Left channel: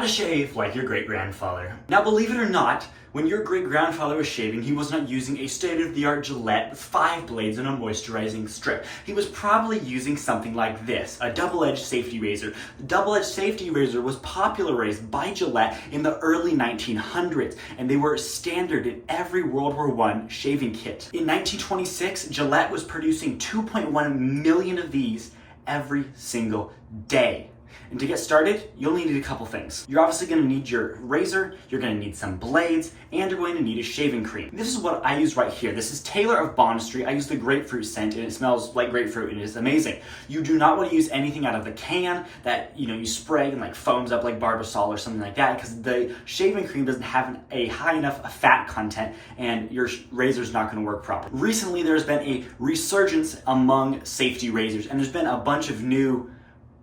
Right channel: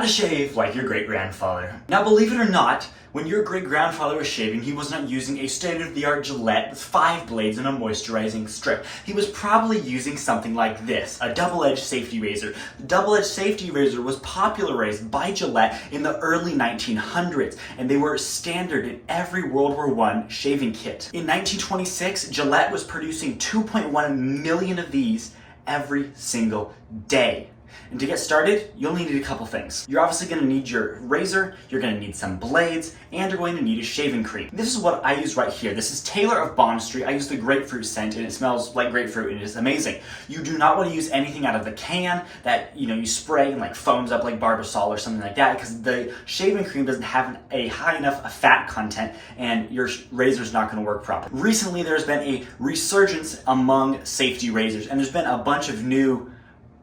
How to shave like your great-grandfather. Now, believe it or not, when your great-grandfather was shaving, he was not using a state-of-the-art Gillette with 5 blades and a moisturizing strip. He was probably using something like this, a double-edged safety razor. The double-edged safety razor was popularized by Gillette in the early 1900s, and they were standard in every World War I shaving kit. In 1926, Gillette was producing 2.1 million of these every single day. And to get started, you'll need a couple things. You're obviously gonna need your razor, you're gonna need some blades, and you're going to need a shaving cream. This is what I use right here. This is Taylor of Bond Street. I use the grapefruit scent and it smells like grapefruit and it is amazing. You do not wanna use anything out of the can that you spray and like foams up like Barbasol or something like that, because the shaving cream doesn't have a high enough fat content and your razor's not gonna work properly. Recently, there's been a resurgence among safety razors, and there's been a bunch of new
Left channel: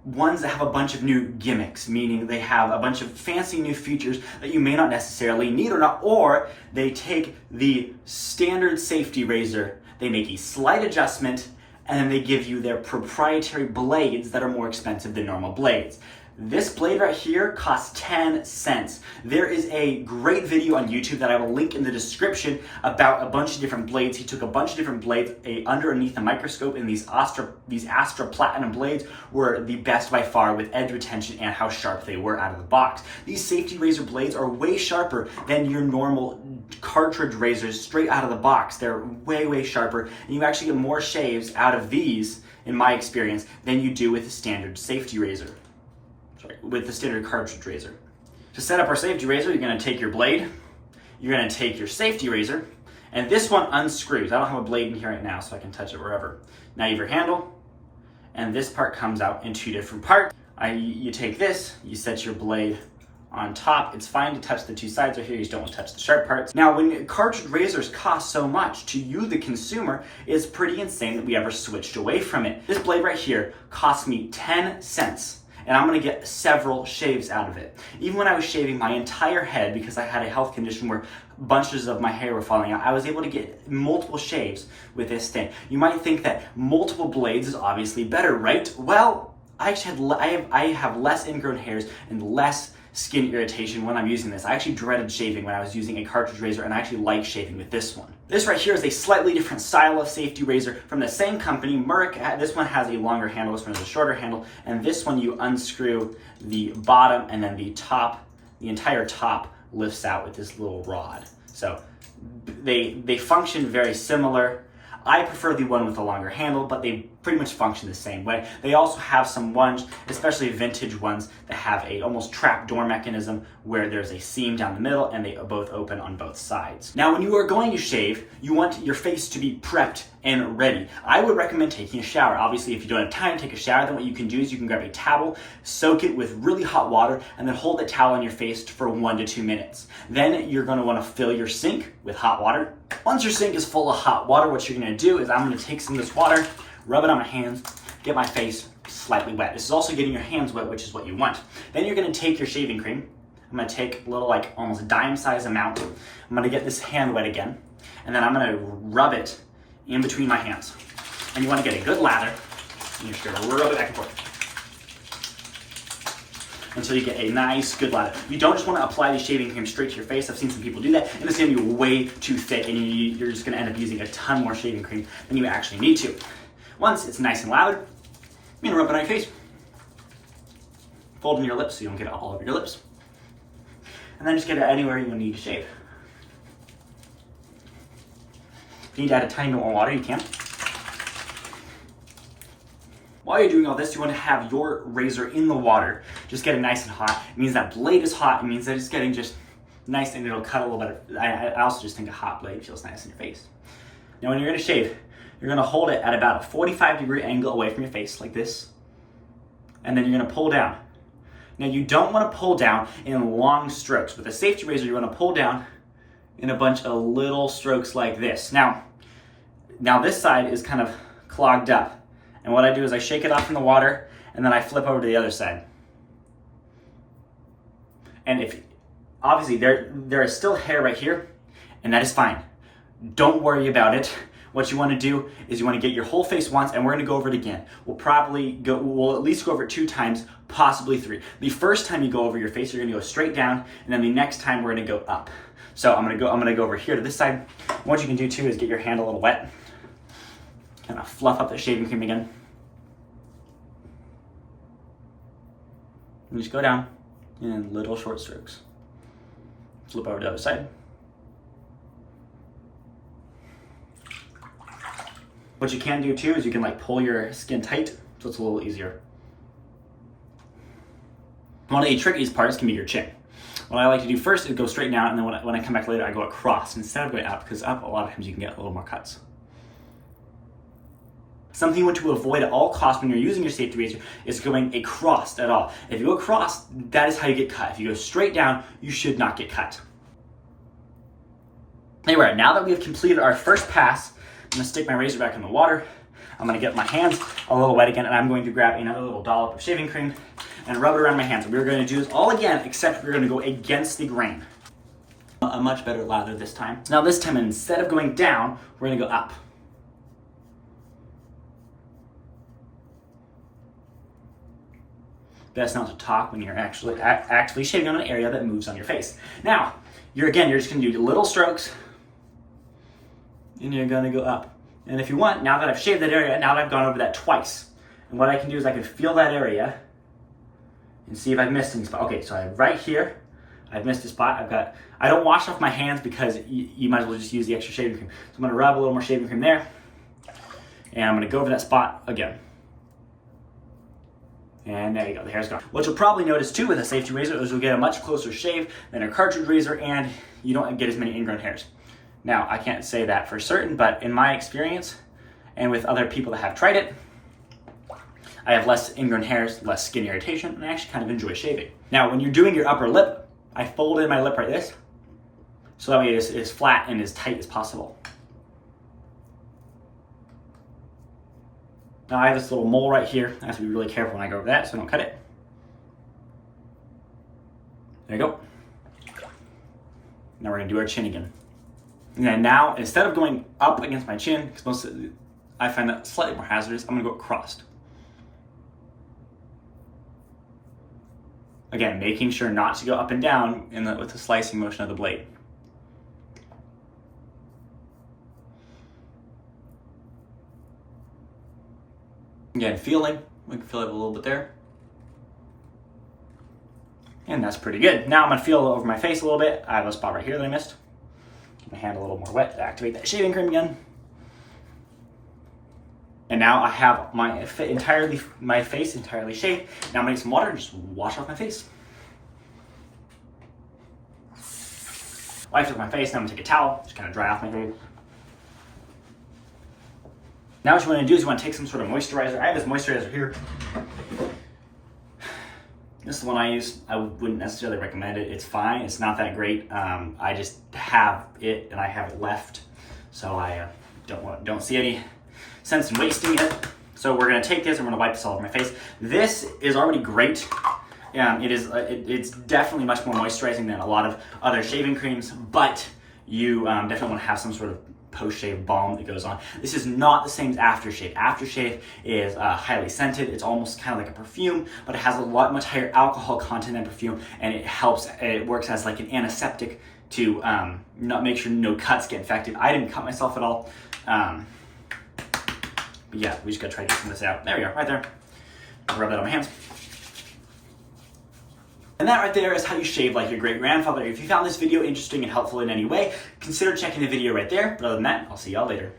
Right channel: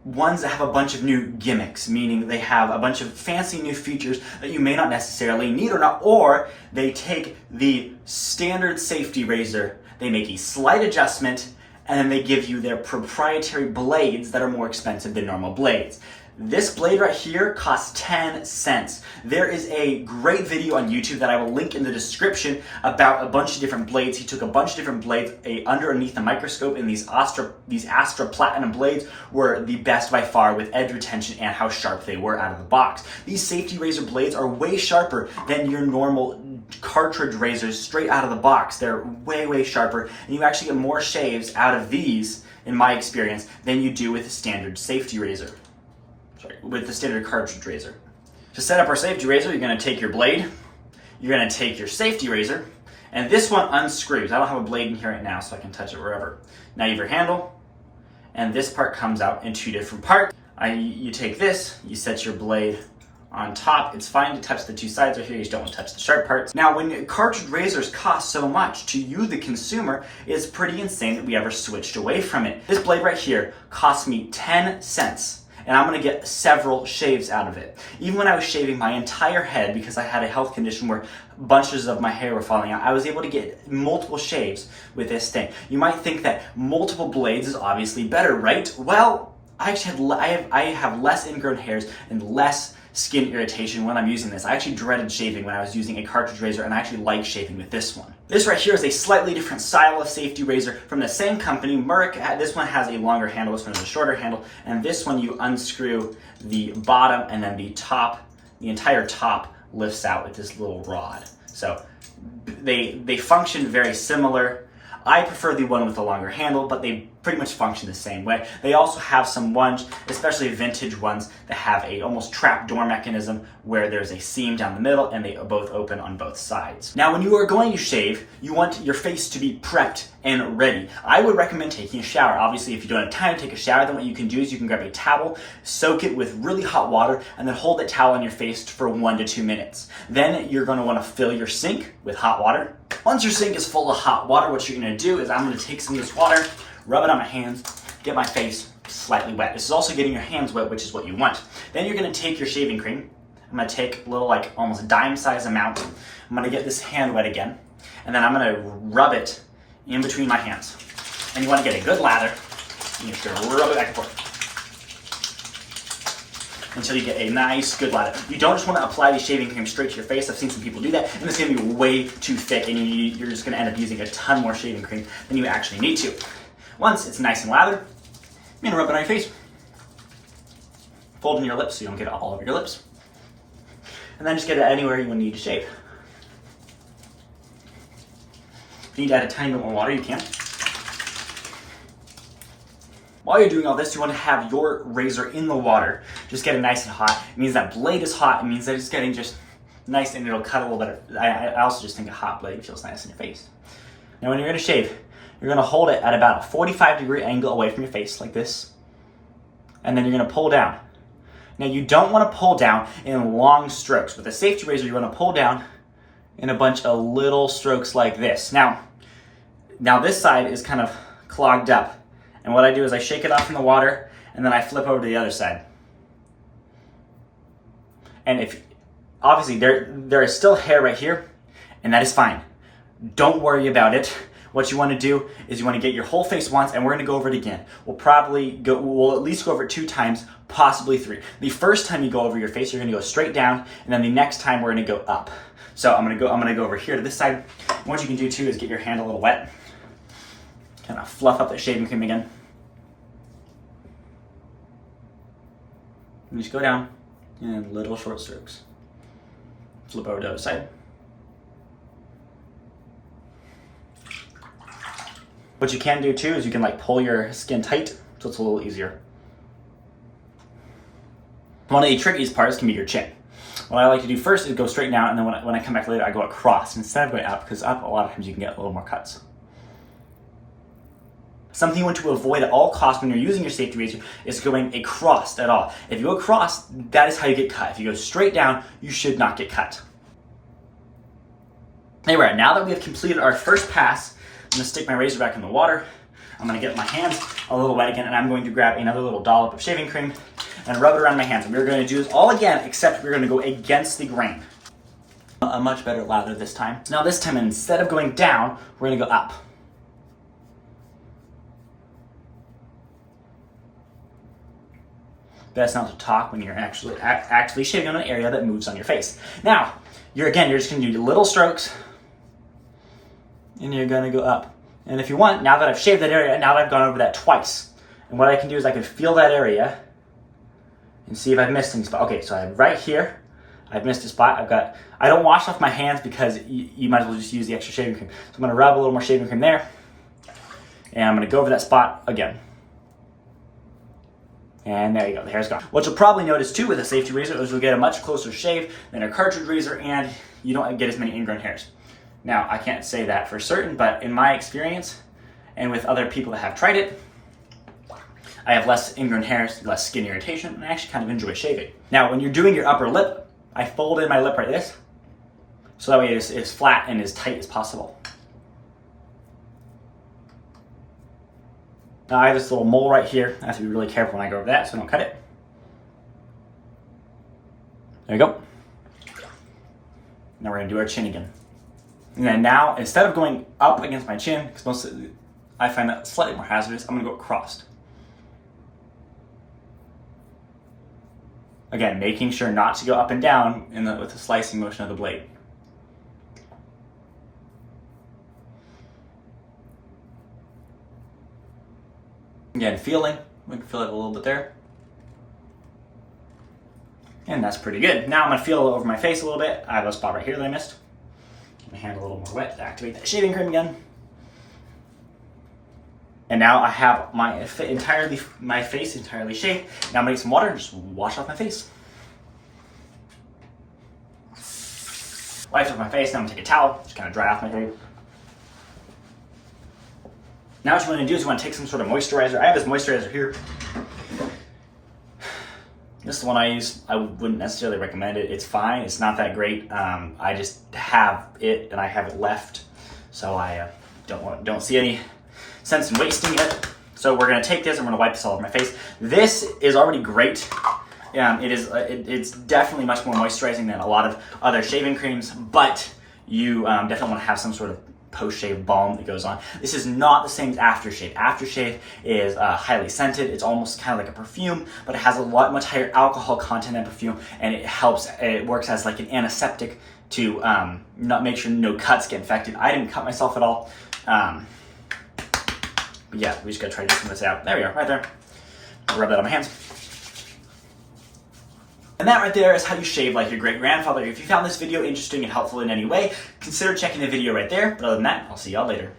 ones that have a bunch of new gimmicks, meaning they have a bunch of fancy new features that you may not necessarily need or they take the standard safety razor, they make a slight adjustment, and then they give you their proprietary blades that are more expensive than normal blades. This blade right here costs 10 cents. There is a great video on YouTube that I will link in the description about a bunch of different blades. He took a bunch of different blades underneath the microscope, and these Astra Platinum blades were the best by far with edge retention and how sharp they were out of the box. These safety razor blades are way sharper than your normal cartridge razors straight out of the box. They're way, way sharper, and you actually get more shaves out of these, in my experience, than you do with a standard safety razor. With the standard cartridge razor. To set up our safety razor, you're gonna take your blade, you're gonna take your safety razor, and this one unscrews. I don't have a blade in here right now, so I can touch it wherever. Now you have your handle, and this part comes out in 2 different parts. You take this, you set your blade on top. It's fine to touch the 2 sides right here, you just don't want to touch the sharp parts. Now, when cartridge razors cost so much, to you, the consumer, it's pretty insane that we ever switched away from it. This blade right here cost me 10 cents. And I'm gonna get several shaves out of it. Even when I was shaving my entire head, because I had a health condition where bunches of my hair were falling out, I was able to get multiple shaves with this thing. You might think that multiple blades is obviously better, right? Well, I have less ingrown hairs and less skin irritation when I'm using this. I actually dreaded shaving when I was using a cartridge razor, and I actually like shaving with this one. This right here is a slightly different style of safety razor from the same company, Merck. This one has a longer handle, this one has a shorter handle, and this one you unscrew the bottom and then the entire top lifts out with this little rod. So they function very similar. I prefer the one with the longer handle, but they pretty much function the same way. They also have some ones, especially vintage ones, that have a almost trap door mechanism where there's a seam down the middle and they both open on both sides. Now, when you are going to shave, you want your face to be prepped and ready. I would recommend taking a shower. Obviously, if you don't have time to take a shower, then what you can do is you can grab a towel, soak it with really hot water, and then hold that towel on your face for 1 to 2 minutes. Then you're gonna wanna fill your sink with hot water. Once your sink is full of hot water, what you're gonna do is I'm gonna take some of this water, rub it on my hands, get my face slightly wet. This is also getting your hands wet, which is what you want. Then you're gonna take your shaving cream. I'm gonna take a little, like almost dime size amount. I'm gonna get this hand wet again, and then I'm gonna rub it in between my hands. And you wanna get a good lather, and you're just gonna rub it back and forth until you get a nice, good lather. You don't just wanna apply the shaving cream straight to your face. I've seen some people do that, and it's gonna be way too thick, and you're just gonna end up using a ton more shaving cream than you actually need to. Once it's nice and lathered, you're gonna rub it on your face. Fold in your lips so you don't get it all over your lips. And then just get it anywhere you need to shave. If you need to add a tiny bit more water, you can. While you're doing all this, you want to have your razor in the water, just getting nice and hot. It means that blade is hot. It means that it's getting just nice and it'll cut a little better. I also just think a hot blade feels nice in your face. Now when you're gonna shave, you're gonna hold it at about a 45-degree angle away from your face, like this. And then you're gonna pull down. Now you don't wanna pull down in long strokes. With a safety razor, you wanna pull down in a bunch of little strokes like this. Now this side is kind of clogged up. And what I do is I shake it off from the water, and then I flip over to the other side. And if, obviously there is still hair right here, and that is fine. Don't worry about it. what you want to do is you want to get your whole face once, and we're going to go over it again. We'll at least go over it 2 times, possibly 3. The first time you go over your face, you're going to go straight down, and then the next time we're going to go up. So I'm going to go over here to this side. And what you can do too is get your hand a little wet, kind of fluff up that shaving cream again, and just go down in little short strokes. Flip over to the other side. What you can do too is you can like pull your skin tight so it's a little easier. One of the trickiest parts can be your chin. What I like to do first is go straight down, and then when I come back later, I go across instead of going up, because up, a lot of times you can get a little more cuts. Something you want to avoid at all costs when you're using your safety razor is going across at all. If you go across, that is how you get cut. If you go straight down, you should not get cut. Anyway, now that we have completed our first pass, I'm going to stick my razor back in the water. I'm going to get my hands a little wet again, and I'm going to grab another little dollop of shaving cream and rub it around my hands. And we're going to do this all again, except we're going to go against the grain. A much better lather this time. Now this time, instead of going down, we're going to go up. Best not to talk when you're actually shaving on an area that moves on your face. Now, you're just going to do little strokes, and you're going to go up. And if you want, now that I've shaved that area, now that I've gone over that twice, and what I can do is I can feel that area and see if I've missed any spot. Okay, so I'm right here. I've missed a spot. I don't wash off my hands because you might as well just use the extra shaving cream. So I'm going to rub a little more shaving cream there, and I'm going to go over that spot again. And there you go, the hair's gone. What you'll probably notice too with a safety razor is you'll get a much closer shave than a cartridge razor, and you don't get as many ingrown hairs. Now, I can't say that for certain, but in my experience, and with other people that have tried it, I have less ingrown hairs, less skin irritation, and I actually kind of enjoy shaving. Now, when you're doing your upper lip, I fold in my lip like this, so that way it is flat and as tight as possible. Now I have this little mole right here. I have to be really careful when I go over that so I don't cut it. There you go. Now we're gonna do our chin again. And then now, instead of going up against my chin, because I find that slightly more hazardous, I'm gonna go across. Again, making sure not to go up and down with the slicing motion of the blade. Again, feeling, we can feel it a little bit there. And that's pretty good. Now I'm gonna feel over my face a little bit. I have a spot right here that I missed. My hand a little more wet to activate that shaving cream again. And now I have my face entirely shaved. Now I'm gonna get some water and just wash off my face. Wiped off my face, now I'm gonna take a towel, just kind of dry off my face. Now what you want to do is you want to take some sort of moisturizer. I have this moisturizer here. This is the one I use. I wouldn't necessarily recommend it. It's fine. It's not that great. I just have it and I have it left, so I don't see any sense in wasting it. So we're gonna take this and we're gonna wipe this all over my face. This is already great. It's definitely much more moisturizing than a lot of other shaving creams, but you definitely want to have some sort of post-shave balm that goes on. This is not the same as aftershave. Aftershave is highly scented. It's almost kind of like a perfume, but it has much higher alcohol content than perfume, and it works as like an antiseptic to not make sure no cuts get infected. I didn't cut myself at all. But yeah, we just gotta try to get some of this out. There we are, right there. I'll rub that on my hands. And that right there is how you shave like your great-grandfather. If you found this video interesting and helpful in any way, consider checking the video right there. But other than that, I'll see y'all later.